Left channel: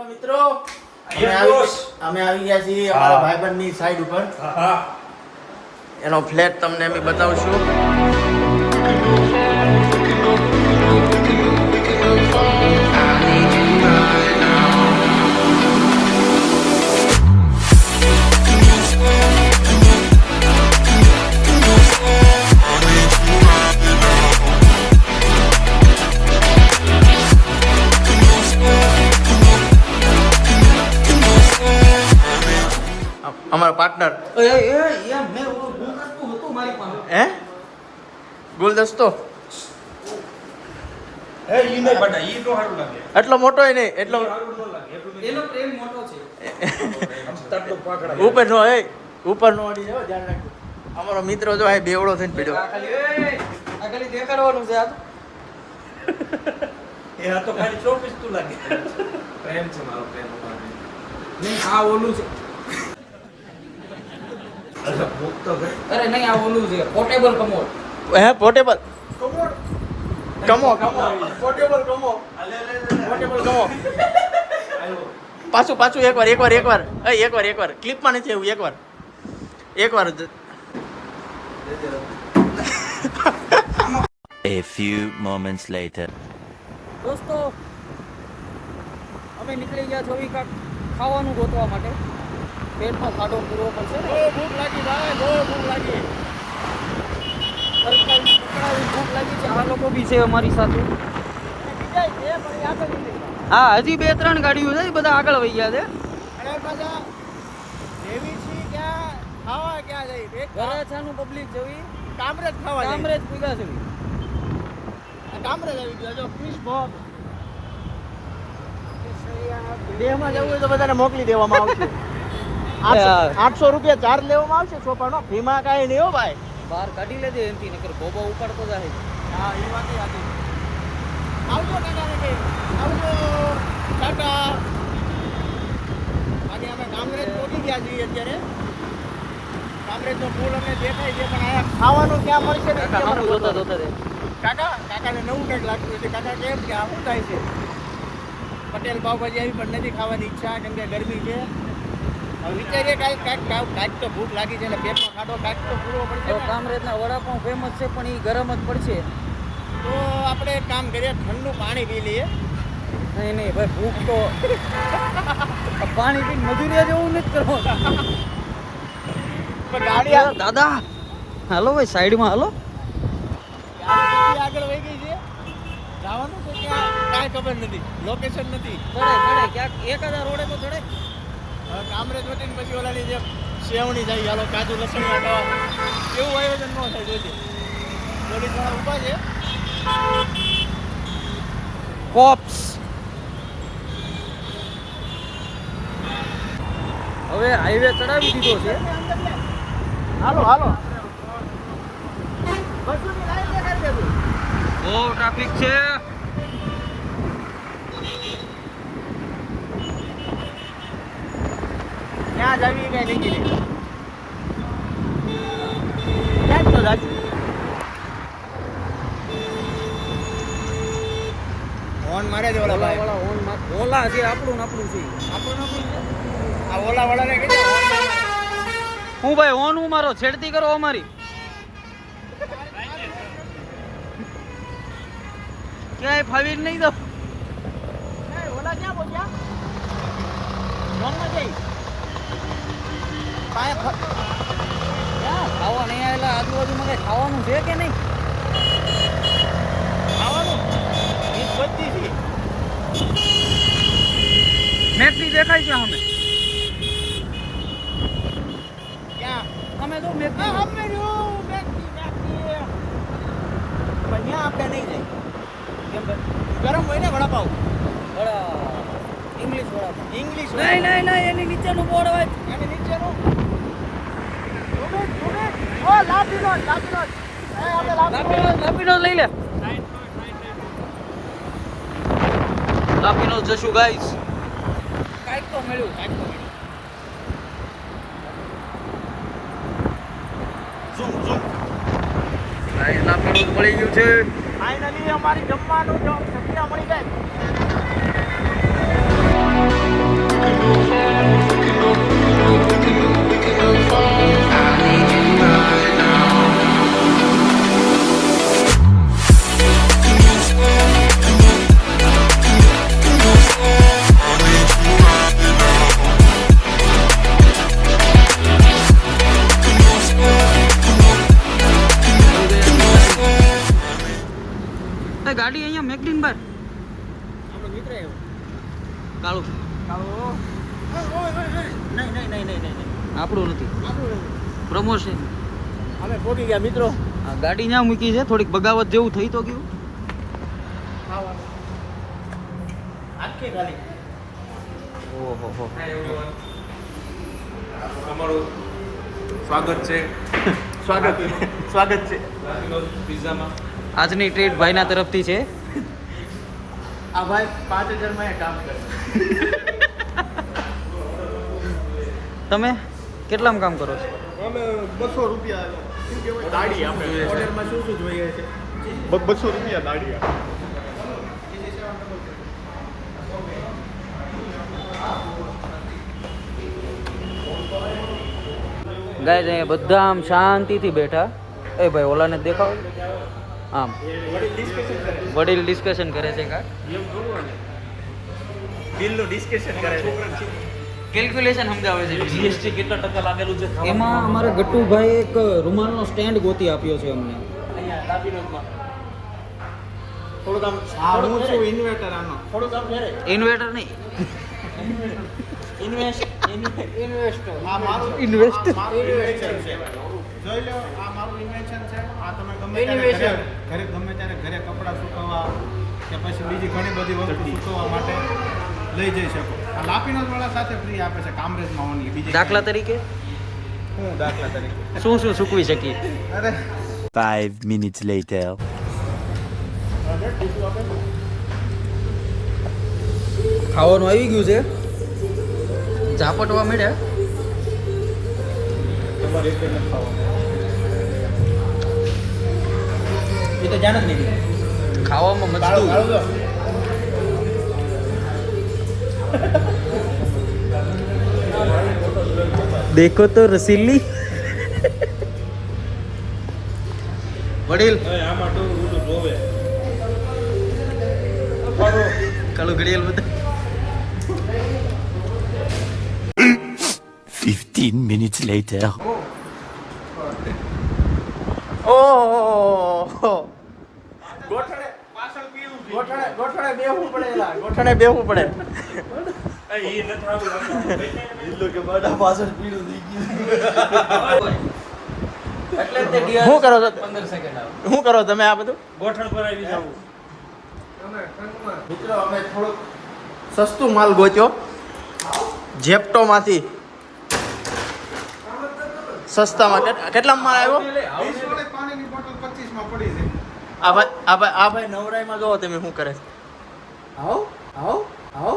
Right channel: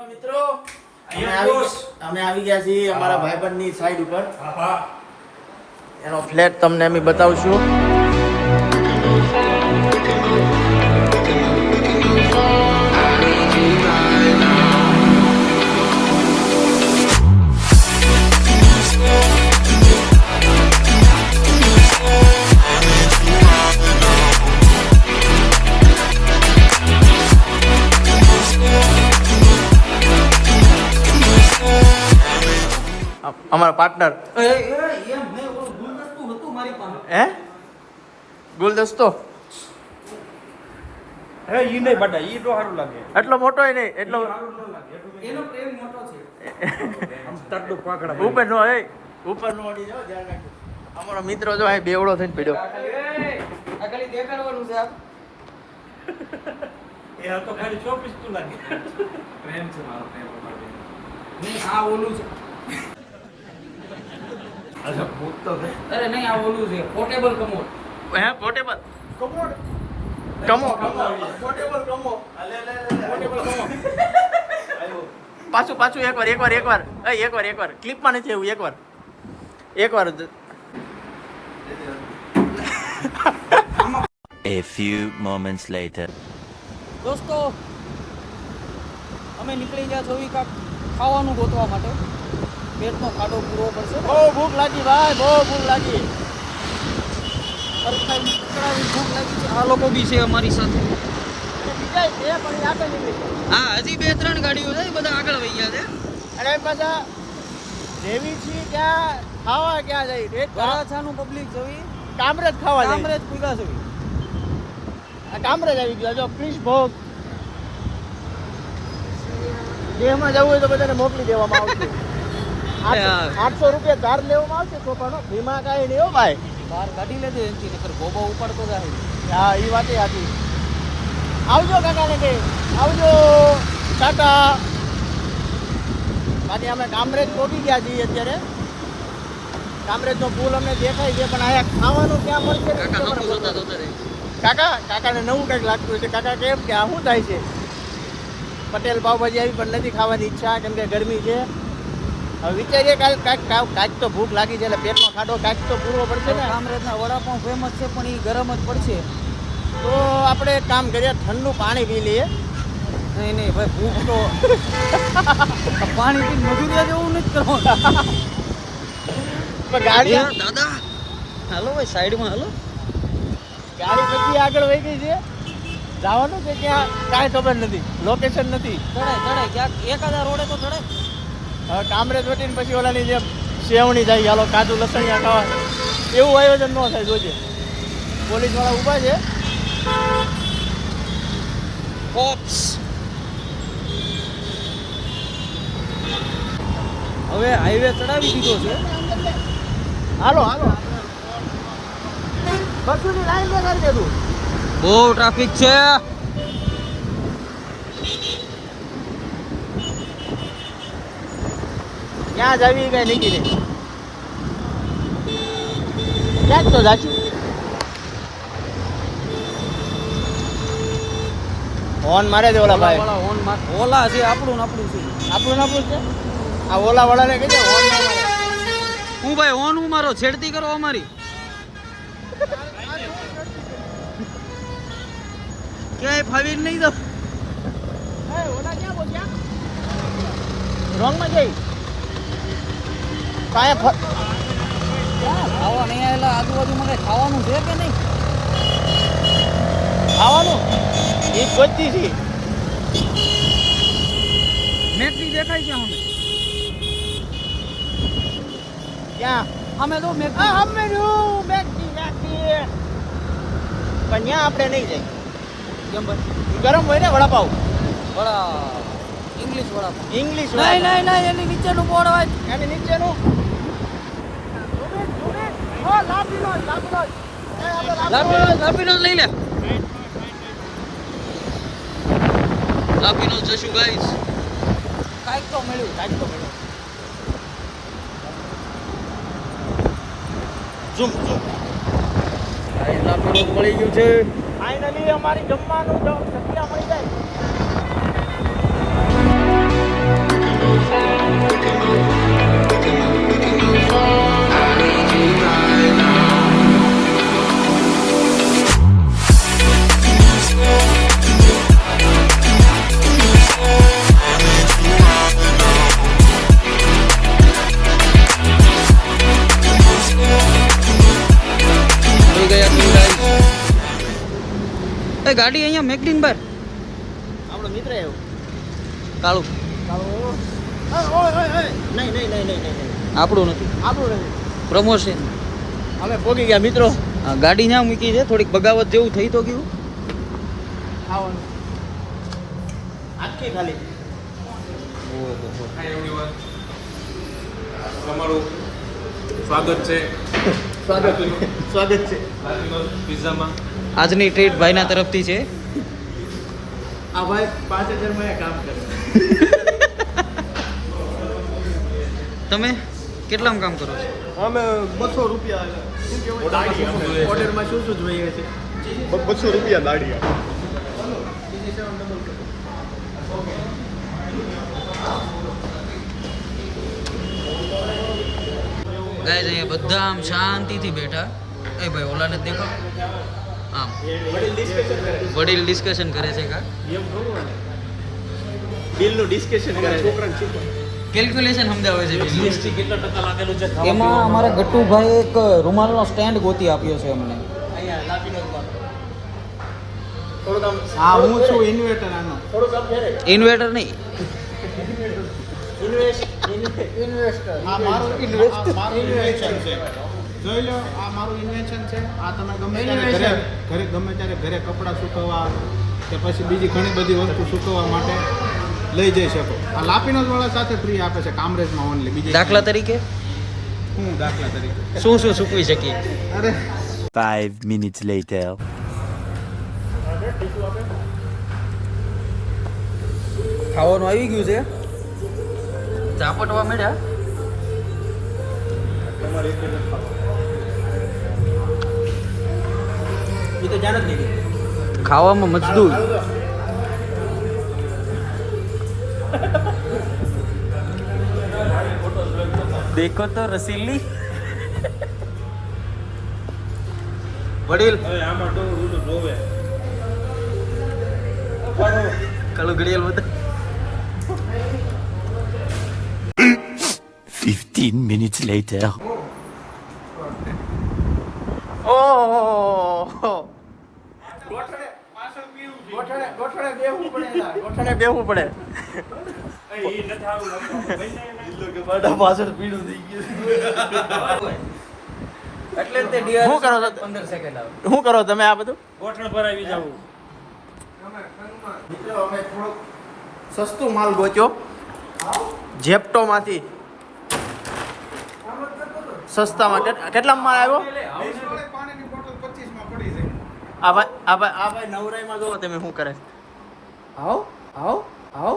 બોલો મિત્રો, અમે આવી ગયા છીએ અમારા ભાઈબંધની સાઈડ ઉપર. એનો ફ્લેટ તમને અમે બતાવશું. અમારા પાર્ટનર હે ગુલદસ્તો એટલો મોટો નહીં, એટલો ઉપર નો ઉપર નો અડી જાવ. ધ્યાન રાખજો. અમારો મિત્ર જો આ બેવડો થઈને પડ્યો. અરે નહીં, આ ઓલું છે પોર્ટેબલ કમોડ. હે પોર્ટેબલ કમો પોર્ટેબલ કમો પોર્ટેબલ કમો. પાછું એકવાર ક્લિપમાં નથી એવું. એકવાર A few moments later. દોસ્તો, અમે નીકળી ગયા છો કાંક ખાવાનું ગોતવા માટે. પેટનો ખાડો પૂરવો પડશે ને. બહુ ભૂખ લાગી ભાઈ, બહુ ભૂખ લાગી. સરખાઈ પકડાવી ભૂખ લાગી છે. આ લોકો બી છે અમારી સાથે. હા, હજી 2-3 ગાડીઓ છે, બધા આગળ વહી ગયા છે. અને પાછા જેવી છીએ ત્યાં ખાવા ક્યાં જઈ વરાછાનું પબ્લિક જવી કામરેજ ખાવા કામરેજ પૂગા છે. કામરેજ આવી ગયા. જો ફિશ ભોગ દેહમાં જવું હોય તો બધાને મોકલી દેવામાં આવે. 800 રૂપિયા ચાર્જ લેવામાં આવશે છોકરાનો. ફીમાં કાંઈ નહીં હો ભાઈ. બહાર કાઢી લેજે એનથી, નકર ગોબા ઉપાડતો જાય. હા, એ વાત સાચી. આવજો કાકાને કે આવજો કાકા. બાકી અમે કામરેજ પહોંચી ગયા છીએ અત્યારે. કામરેજનો પુલ અમને દેખાય છે, પણ અહીંયા ખાવાનું ક્યાં મળશે? કાકા સામું જોતા દે. કાકાને નવું કંઈક લાગતું હશે. કાકા કેમ કે આ શું થાય છે? પટેલ પાવભાજી આવી પણ નથી ખાવાની ઈચ્છા, કેમ કે ગરમી છે. હવે વિચારીએ કાંઈક તો ભૂખ લાગી છે, એટલે પેટનો ખાડો કાંઈક તો પૂરવો પડશે ને. કામરેજના વડાપાઉં ફેમસ છે, પણ એ ગરમ જ પડશે. તો આપણે એક કામ કરીએ, ઠંડુ પાણી પી લઈએ. નહીં ભાઈ, ભૂખ તો પાણી પીને મજૂરિયા જેવું નથી કરવાનું. ગાડી દાદા હાલો ભાઈ, સાઈડમાં હાલો. ગાડી કેટલી આગળ વહી ગઈ છે? જવાનું છે ક્યાં કાંઈ ખબર નથી, લોકેશન નથી. ચડાય ક્યાંક 1000 રોડે તો ચડાય. હવે કામરેજ વટીને પછી ઓલાની જે સેવણી જાય, હાલો કાજુ લસણિયા ખાવા, એવું આયોજન ન થાય. જોજે પોલીસવાળા ઊભા છે. કોપ્સ હવે હાઈવે ચડાવી દીધો છે. હાલો બસુની લાઈન ને કરી દેતું. બહુ ટ્રાફિક છે. ક્યાં જાવી કઈ નક્કી નહીં. ક્યાંક તો જાશું. ફોન મારે છે ઓલા ભાઈ. ઓલા છે આપણું છે. આપણું છે. આ ઓલા વાળાને કહેજો ફોન ના મારે. હું ભાઈ ઓન હું મારો છેડતી કરો અમારી. ક્યાંય ફાવી નહીં દો. ઓલા ક્યાં પહોંચ્યા? રોંગમાં જઈ ક્યાં ખાવા નહીં આવેલા? આજુબાજુમાં કઈ ખાવાનું છે કે નહીં? ખાવાનું એ ગોતી છે. મેકડી દેખાય છે અમે. ક્યાં અમે તો મેકડી. અમે મેગી પણ ત્યાં આપણે નહીં જાય. કેમ ભાઈ? ગરમ હોય ને વડાપાવ. ઇંગ્લિશ વડાપાવ. ઇંગ્લિશ નહીં એની નીચેનું બોર્ડ હોય. એની નીચેનું લાપીનો લઈ લે. લાપીનો જશું ગાઈસ. કાંઈક તો મળ્યું. લાપીનો મળી ગયું છે. ફાઇનલી અમારી જમવાનું જોઈ ગયા Hyundai. એ ગાડી અહીંયા મેકડીન બાર આપણો મિત્ર એવો કાળું નહીં નહીં નહીં નહીં નહીં આપણું નથી, આપણું નહીં. પ્રમોશન. અમે પહોંચી ગયા મિત્રો આ ગાડી ત્યાં મૂકી છે, થોડીક બગાવત જેવું થઈ તો ગયું. ખાવા આખી ખાલી ઓહો હો. હાય એવરીવન, તમારું સ્વાગત છે સ્વાગત છે લાલીનોઝ પિઝામાં. આજની ટ્રીટ ભાઈના તરફથી છે. આ ભાઈ 5000 માં કામ કરે. તમે કેટલામાં કામ કરો છો? અમે 200 રૂપિયા શું કહેવાય દાડિયા ઓર્ડરમાં શું શું જોઈએ છે 200 રૂપિયા દાડિયા. ગાય અહીંયા બધા આમ શાંતિથી બેઠા. એ ભાઈ ઓલાને દેખાવ, આમ વડીલ ડિસ્કશન કરે છે. કા એમ થોડું હાલે બિલનું ડિસ્કશન કરે છોકરાને શું કેલ્ક્યુલેશન સમજાવે છે જીએસટી કેટલા ટકા લાગેલું છે. એમાં અમારા ગટ્ટુભાઈ એક રૂમાલનો સ્ટેન્ડ ગોતી આપ્યો છે અમને. અહીંયા લાપીનો ઉપર થોડુંક આમ હા હું છું ઇન્વર્ટર આનો થોડુંક આમ ફેરે ઇન્વર્ટર નહીં, ઇન્વેસ્ટર આ મારું ઇન્વેસ્ટર ઇન્વેસ્ટર છે. જોઈ લો આ મારું ઇન્વેન્શન છે. આ તમે ગમે ત્યારે ઘરે ગમે ત્યારે ઘરે કપડાં સુકવવા કે પછી બીજી ઘણી બધી વસ્તુ સુકવવા માટે લઈ જઈ શકો. આ લાપીનો વાળા સાથે ફ્રી આપે છે કામરેજમાં ઓનલી. બીજી દાખલા તરીકે હું દાખલા તરીકે શું શું સૂકવી શકીએ? અરે 5 minutes later. ખાવાનું આવી ગયું છે, ઝાપટવા મળ્યા. એ તો જાણ જ નહીં ખાવામાં મજદૂર. દેખો તો રસીલી વડીલ આમાં તો રૂડું જોવે. કાળું ઘડિયાળ બધા 15 minutes later. ઓહો ગોઠણે બેહવું પડે એલા ગોઠણે બેહવું પડે. શું કરો છો 15 સેકન્ડ શું કરો તમે આ બધું ગોઠણ ભરાવી જવું. મિત્રો અમે થોડોક સસ્તું માલ ગોચ્યો જેપ્ટોમાંથી. સસ્તામાં કેટલામાં માલ આવ્યો? આ ભાઈ નવરાઈમાં જોવો તમે શું કરે. આવો આવો આવો